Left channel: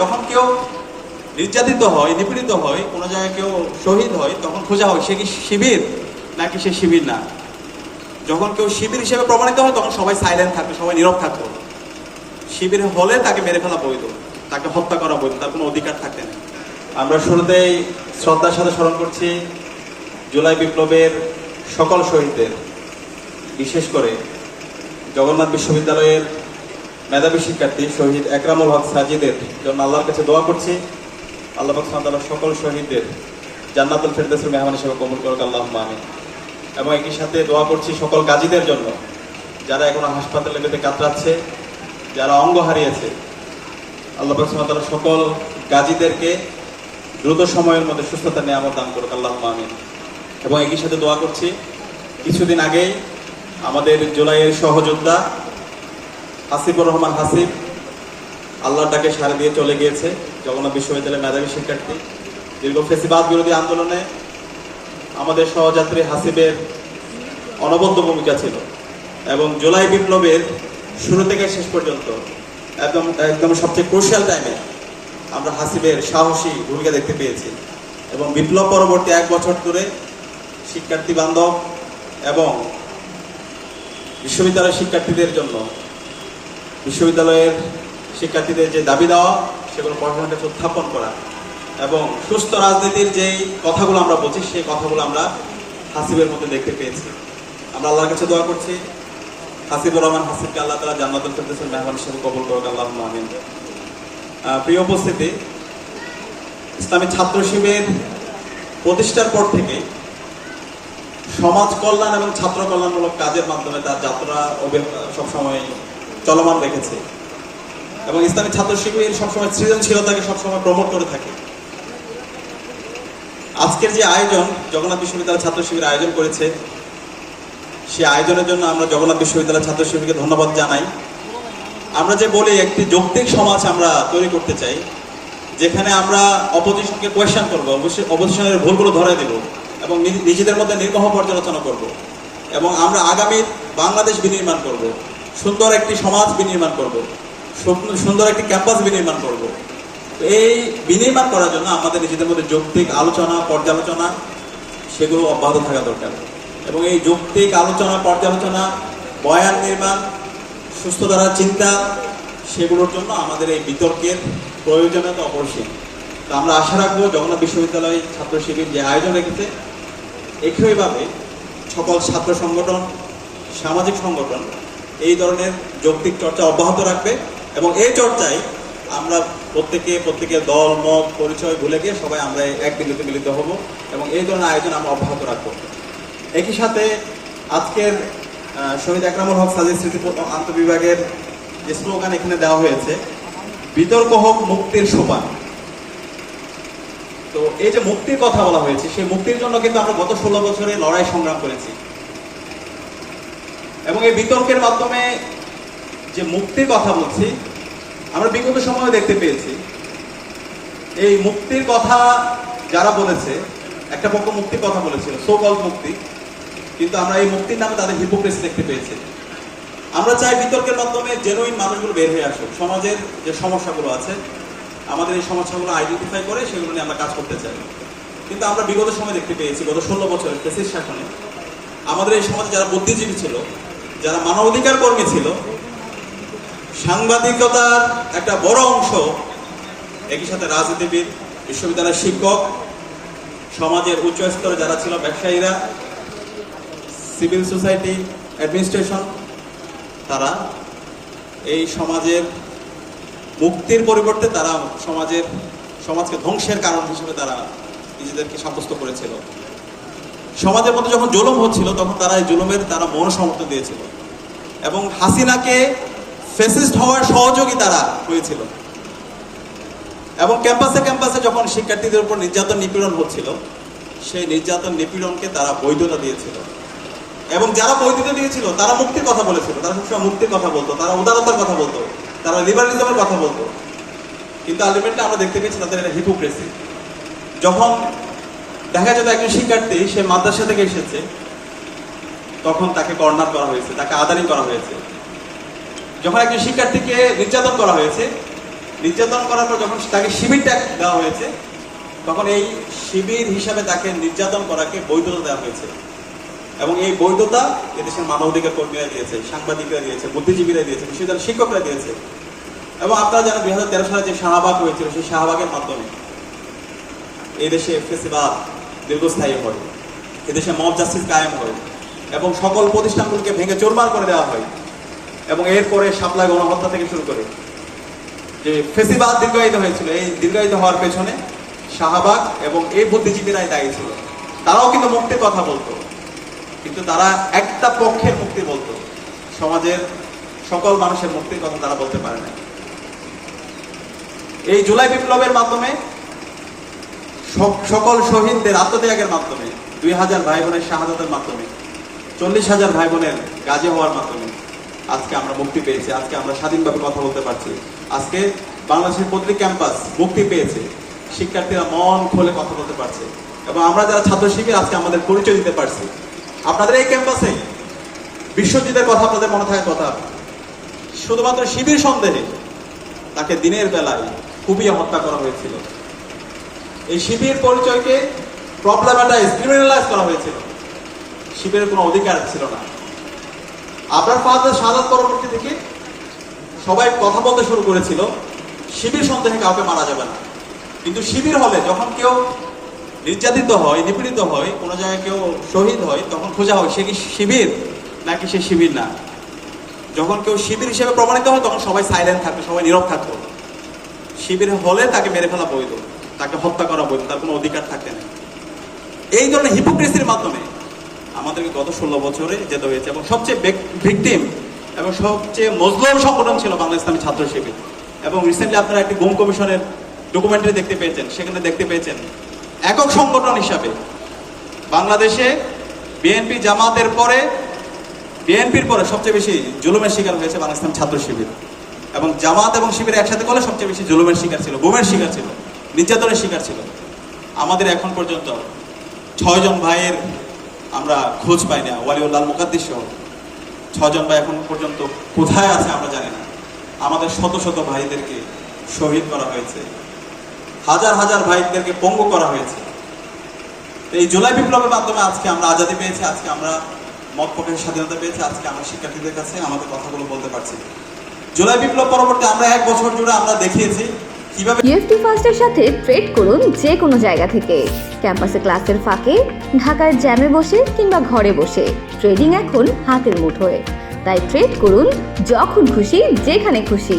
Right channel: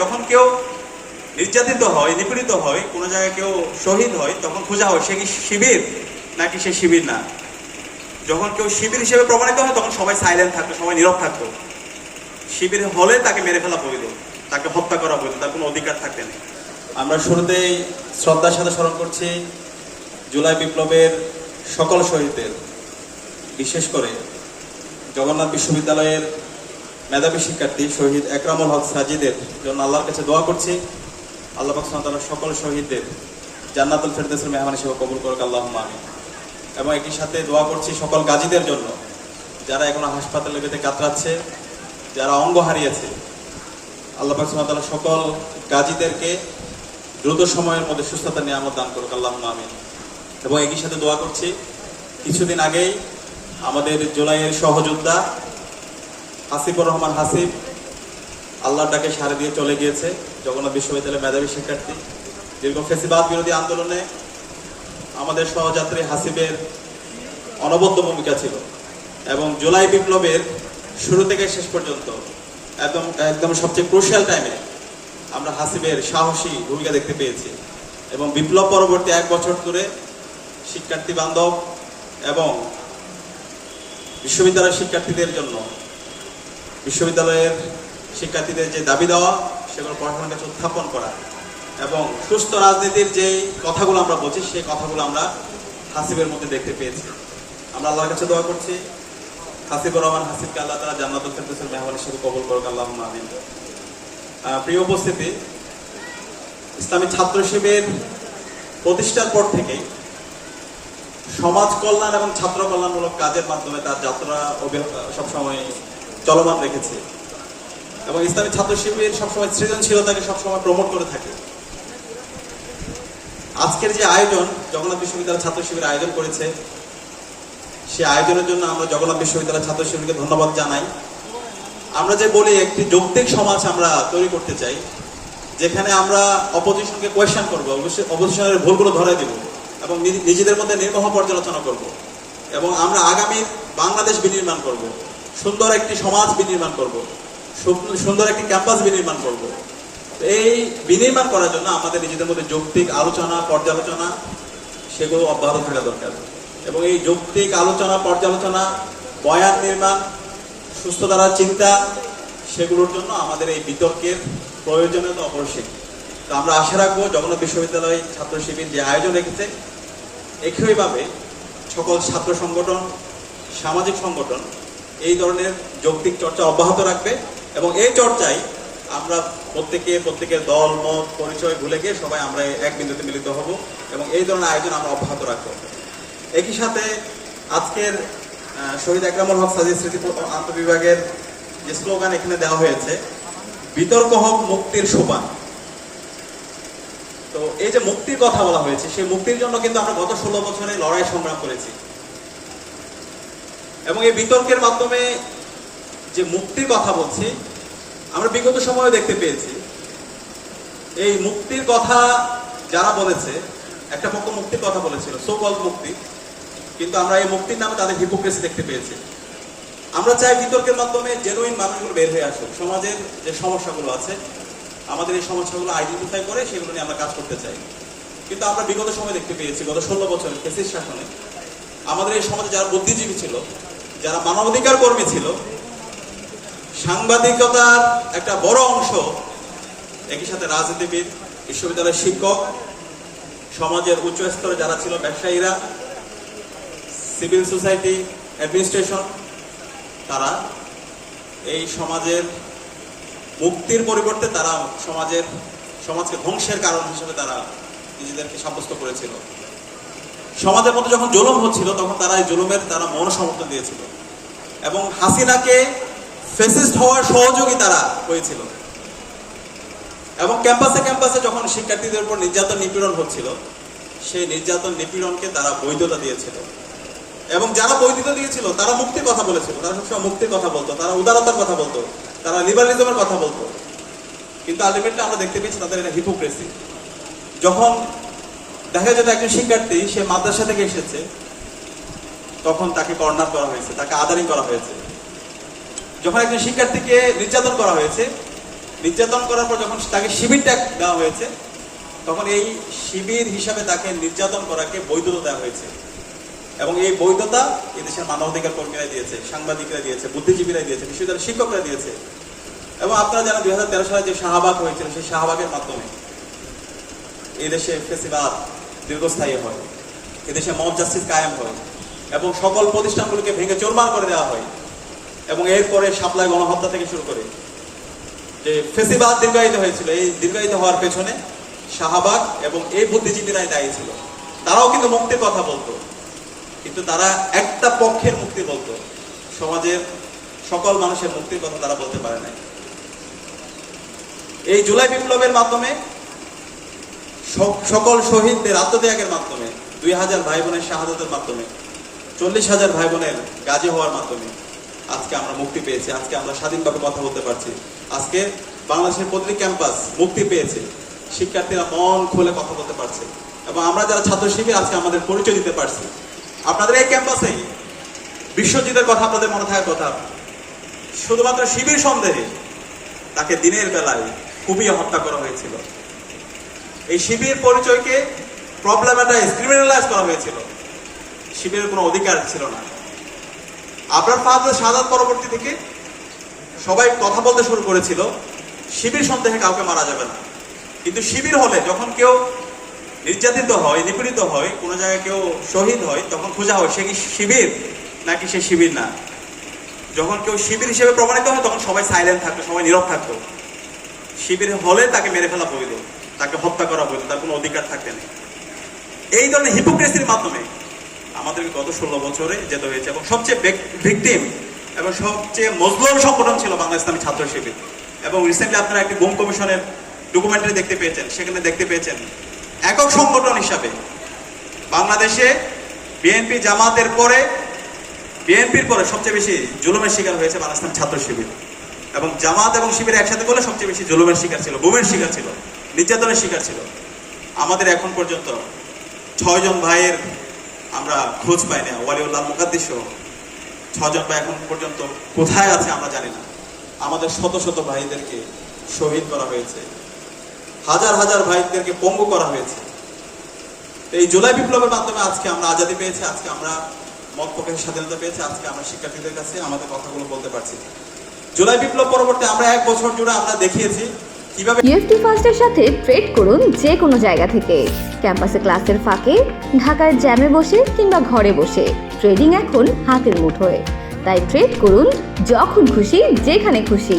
যখন কেউ নির্যাতিত হয়, নিপীড়িত হয়, কোনো জায়গায় কেউ শহীদ হয়, তখন খোঁজা হয় সে কি শিবির নাকি সে শিবির না। যখন কেউ শিবির হিসেবে প্রমাণিত হয় তখন সবাই সাইলেন্ট থাকতো, সবাই নীরব থাকতো। শিবির হলে তাকে মেরে ফেলা বৈধ, তাকে হত্যা করা বৈধ, তার কোনো অধিকার থাকতে নেই। আমরা শুরুতেই শ্রদ্ধার সাথে স্মরণ করছি জুলাই বিপ্লবের সকল শহীদদের, বিশেষ করে জগন্নাথ বিশ্ববিদ্যালয়ের মেধাবী শিক্ষার্থী শহীদ একরামুল হক সাজিদের জন্য আল্লাহর কাছে দোয়া করছি। আল্লাহ পাক সুবহানাহু ওয়া তাআলা সকল শহীদদের জান্নাতুল ফেরদৌসের মেহমান হিসেবে কবুল করুক, আল্লাহুম্মা আমিন। এবং একই সাথে দোয়া করছি সকল গাজীদের জন্য, যারা এখন হাসপাতালে বেঁধে কাতরাচ্ছে, যারা অঙ্গ হারিয়েছে। আল্লাহ পাক সুবহানাহু ওয়া তাআলা সকল গাজীদেরকে দ্রুত সময়ের মধ্যে সুস্থতা নিয়ামত দান করুক, আল্লাহুম্মা আমিন। এবং একই সাথে দোয়া করছি, কিছুদিন আগেই আমাদের জুলাইয়ের সহযোদ্ধা হাসিবুর রহমান হাসিব আল্লাহর ডাকে সাড়া দিয়ে চলে গিয়েছে। জগন্নাথ বিশ্ববিদ্যালয়ের মেধাবী শিক্ষার্থী, দীর্ঘ ফ্যাসিবাদ বিরোধী আন্দোলনে আমাদের সহযাত্রী হাসিবের অনবদ্য ভূমিকা ছিল এবং জুলাই বিপ্লবের শুরু থেকে শেষ পর্যন্ত একদম সবচেয়ে ক্রুশিয়াল টাইমে আমরা হাসিবের সাহসী ভূমিকা দেখতে পেয়েছি। এবং বিপ্লব পরবর্তী 1 বছর ধরে শিক্ষার্থী বান্ধব এবং বিশ্ববিদ্যালয়ের শিক্ষার্থীদের জন্য, বিশ্ববিদ্যালয়ের শিক্ষার্থীদের যে দাবি দেওয়া সেগুলো পড়াশোনার কাছে উত্থাপন করা এবং সুস্থ রাজনীতির যেই কথাগুলো আমরা বলছি সেই কথাগুলো আমরা হাসিবের মধ্যে দেখতে পেয়েছি। আমরা আল্লাহর কাছে দোয়া করছি হাসিবুর রহমান হাসিবকে আল্লাহ তাআলা জান্নাতুল ফেরদৌসের মেহমান হিসেবে কবুল করুক, আল্লাহুম্মা আমিন। প্রিয় উপস্থিতি, ইসলামী ছাত্র শিবির প্রতিষ্ঠার পর থেকে সমাজ কল্যাণ এবং ছাত্র কল্যাণমূলক কাজের মাধ্যমে তার যাত্রা সবসময় চলমান রেখেছে এবং ইসলামী ছাত্র শিবির সবসময় সৃজনশীলতাকে সবসময় প্রমোট করে থাকে। আজকের যে আয়োজন জগন্নাথ বিশ্ববিদ্যালয় ছাত্র শিবির আয়োজন করেছে, সেই আয়োজনের জন্য আমরা জগন্নাথ বিশ্ববিদ্যালয় ছাত্র শিবিরকে ধন্যবাদ জানাই। আমরা যে বলি একটি যৌক্তিক সমাজ আমরা তৈরি করতে চাই, যেখানে আমরা অপোজিশনকে কোয়েশ্চেন করবো, অপোজিশনের ভুলগুলো ধরে দেব এবং নিজেদের মধ্যে নির্মহ পর্যালোচনা করব এবং আমরা আগামী বাংলাদেশ বিনির্মাণ করব, সুন্দর একটি সমাজ বিনির্মাণ করব, সুন্দর একটি ক্যাম্পাস বিনির্মাণ করব। এই বিনির্মাণ করার জন্য আমাদের নিজেদের মধ্যে যৌক্তিক আলোচনা, পর্যালোচনা সেগুলো অব্যাহত থাকা দরকার এবং এই যৌক্তিক আলোচনা, পর্যালোচনা, বয়ান নির্মাণ, সুস্থ ধারার চিন্তা, সেগুলোর জন্য আমাদের এই বিতর্কের প্রয়োজনীয়তা অপরিসীম। তো আমরা আশা রাখবো জগন্নাথ বিশ্ববিদ্যালয় ছাত্র শিবির যে আয়োজন রেখেছে, একইভাবে সকল ছাত্র সংগঠন, সামাজিক সংগঠন এই ধরনের যৌক্তিক চর্চা অব্যাহত রাখবে এবং এই চর্চায় আমরা প্রত্যেকের দল, মত, পরিচয় ভুলে গিয়ে সবাই আমরা এক বিন্দুতে মিলিত হব এবং এই ধরনের আয়োজন আমরা অব্যাহত রাখবো। একই সাথে আজকের শহীদ একরামুল হক সাজিদ স্মৃতি আন্তঃবিভাগের যে স্লোগান এখানে দেওয়া হয়েছে, বিতর্ক হোক মুক্তির সোপান। তো এই যে মুক্তির কথা বলা হয়েছে, সেই মুক্তির জন্য কিন্তু আমরা গত 16 বছরে লড়াই সংগ্রাম করেছি এবং এই বিতর্কের মাধ্যমে যে মুক্তির কথা বলছি, আমরা বিগত সময়ে দেখতে পেয়েছি এই মুক্তির কথা যারা বলেছে, একটা পক্ষ মুক্তির কথা বলেছিল, সো কল্ড মুক্তি, কিন্তু আমরা এই মুক্তির নামে তাদের হিপোক্রেসি দেখতে পেয়েছি। আমরা চাই বিতর্কের মাধ্যমে জেনুইন মানুষগুলো বের হয়ে আসুক, সমাজের যে সমস্যাগুলো আছে আমাদের এই সমস্যাগুলো আইডেন্টিফাই করে সেগুলো নিয়ে আমরা কাজ করতে চাই। কিন্তু আমরা বিগত সময় দেখতে পেয়েছি গত 16 বছরের ফ্যাসিস্ট শাসনে আমাদের এই সমাজে যারা বুদ্ধিজীবী ছিল, যারা মানবাধিকার কর্মী ছিল, সাংবাদিকতার একটা বড় অংশ, একই সাথে রাজনীতিবিদ, বিশ্ববিদ্যালয়ের শিক্ষক, সমাজের উচ্চ স্তরে যারা ছিল, ব্যবসায়ীরা, সিভিল সোসাইটি, অ্যাডমিনিস্ট্রেশন, তারা এই সমাজের মুক্তির পরিবর্তে তারা সমাজকে ধ্বংসের কারণ হিসেবে তারা নিজেদেরকে সাব্যস্ত করেছিল। সমাজের মধ্যে যখন জুলুম হচ্ছিল তখন তারা এই জুলুমের তারা মন সমর্থন দিয়েছিল এবং হাসিনাকে ফ্যাসিস্ট হওয়ার সহযোগী তারা হয়েছিল এবং ক্যাম্পাসে যখন শিক্ষার্থীদের উপর নির্যাতন নিপীড়ন হচ্ছিল, সেই নির্যাতন নিপীড়নকে তারা বৈধতা দিয়েছিল এবং যারা বৈধতা দিয়েছিল তারা মুক্তির কথা বলেছিল, তারা সবসময় মুক্তির কথা বলতো, তারা উদারতার কথা বলতো, তারা লিবারালিজমের কথা বলতো। কিন্তু আলটিমেটলি আমরা দেখতে পেয়েছি তাদের এটা হিপোক্রেসি। যখন দেখা যেত একজন শিক্ষার্থী সে মাদ্রাসা থেকে এসেছে, তখন তাকে কর্নার করা হয়েছে, তাকে আদানি করা হয়েছে। যখন একজন শিক্ষার্থীকে নির্যাতন করা হয়েছে, নির্যাতন করার পর যখন তাকে শিবিরটা দেওয়া হয়েছে, তখন এই শিবির হিসাবে তাকে নির্যাতন করাকে বৈধতা দেওয়া হয়েছে। এবং এই বৈধতা এদেশের মানবাধিকার কর্মীরা দিয়েছে, সাংবাদিকরা দিয়েছে, বুদ্ধিজীবীরা দিয়েছে, বিশ্ববিদ্যালয়ের শিক্ষকরা দিয়েছে। এবং আপনারা জানেন 2013 সালে যে শাহবাগ হয়েছিল, সেই শাহবাগের মাধ্যমে এই দেশে ফেসিবাদ দীর্ঘস্থায়ী হয়, এদেশে মব জাস্টিস কায়েম হয় এবং সকল প্রতিষ্ঠানগুলোকে ভেঙে চুরমার করে দেওয়া হয়। এবং এরপরে শাপলায় গণহত্যা থেকে শুরু করে যে ফেসিবাদ দীর্ঘায়িত হয়েছিল, এই দীর্ঘায়িত হওয়ার পেছনে শাহবাগ এবং এই বুদ্ধিজীবীরাই দায়ী ছিল। তারাও কিন্তু মুক্তির কথা বলতো, কিন্তু তারা একটা পক্ষের মুক্তি বলতো, সমাজের সকল মানুষের মুক্তির কথা তারা বলতে পারে না। এই জুলাই বিপ্লবের মাধ্যমে সকল শহীদদের আত্মত্যাগের মাধ্যমে, 2000 ভাই বোনের শাহাদাতের মাধ্যমে, 40,000 ভাই বোনের গাজী হওয়ার মাধ্যমে আজকে আমরা মুক্তি পেয়েছি। আজকে আমরা স্বাধীনভাবে কথা বলতে পারছি। আজকে বাংলাদেশের প্রতিটি ক্যাম্পাস মুক্তি পেয়েছে, শিক্ষার্থীরা মন খুলে কথা বলতে পারছে এবং আমরা যারা ছাত্র শিবির আজকে আমাদের পরিচয় দিতে পারছি। আপনাদের এই ক্যাম্পাসে বিশ্বজিতের কথা আপনাদের মনে থাকার কথা, শুধুমাত্র শিবির সন্দেহে তাকে দিনের বেলায় কুপিয়ে হত্যা করা হয়েছিল। এই শিবির পরিচয়কে প্রবলেমেটাইজ, ক্রিমিনালাইজ করা হয়েছিল। শিবিরের কোনো অধিকার ছিল না। আপনার ফাহাদের শাহাদাত পরবর্তী থেকে সবাই কথা বলতে শুরু করেছিল শিবির সন্দেহে কাউকে মারা যাবে না। কিন্তু শিবির হলে যখন কেউ নির্যাতিত হয়, নিপীড়িত হয়, কোনো জায়গায় কেউ শহীদ হয়, তখন খোঁজা হয় সে কি শিবির নাকি সে শিবির না। যখন কেউ শিবির হিসেবে প্রমাণিত হয় তখন সবাই সাইলেন্ট থাকতো, সবাই নীরব থাকতো। শিবির হলে তাকে মেরে ফেলা বৈধ, তাকে হত্যা করা বৈধ, তার কোনো অধিকার থাকতে নেই। এই ধরনের হিপোক্রেসির মাধ্যমে আমাদেরকে গত 16 বছরে যেতে হয়েছে। এবং সবচেয়ে ভিকটিম এবং সবচেয়ে মজলুম সংগঠন ছিল বাংলা ইসলামী ছাত্র শিবির। এবং রিসেন্টলি আপনারা একটি গুম কমিশনের ডকুমেন্টারি দেখতে পেয়েছেন, সেখানে দেখতে পেয়েছেন একক সংগঠন হিসাবে বাংলাদেশে বিএনপি জামাতের পরে, বিএনপির পরে সবচেয়ে বেশি জুলুমের শিকার হয়েছে বাংলা ইসলামী ছাত্র শিবির। এবং জামাত এবং শিবির একসাথে বলে সবচেয়ে বেশি জুলুমের শিকার ছিল, গুমের শিকার ছিল, নির্যাতনের শিকার ছিল। আমাদের এখন পর্যন্ত 6 জন ভাইয়ের আমরা খোঁজ পাই না, ওয়ালিউল্লাহ মুকাদ্দিস সহ 6 জন ভাই এখন পর্যন্ত কোথায় আছে আমরা জানি না। আমাদের শত শত ভাইদেরকে শহীদ করা হয়েছে, হাজার হাজার ভাইদেরকে পঙ্গু করা হয়েছে। এই জুলাই বিপ্লবের মাধ্যমে আজকে আমরা আজাদি পেয়েছি, আজকে আমরা মত প্রকাশের স্বাধীনতা পেয়েছি, আজকে আমরা শিক্ষার্থীদের কাছে আমাদের কথাগুলো বলতে পারছি। জুলাই বিপ্লব পরবর্তী আমরা 1 বছর জুড়ে আমরা দেখিয়েছি কিভাবে ইএফটি ফার্স্টের সাথে ট্রেড করুন যে কোনো জায়গা থেকে। ক্যাম্পাসে ক্লাসের ফাঁকে, ঢাকার জ্যামে বসে কিংবা ঘরে বসে, ট্রেডিং এখন হাতের মুঠোয়। তাই ট্রেড করুন যখন খুশি, যেখানে খুশি।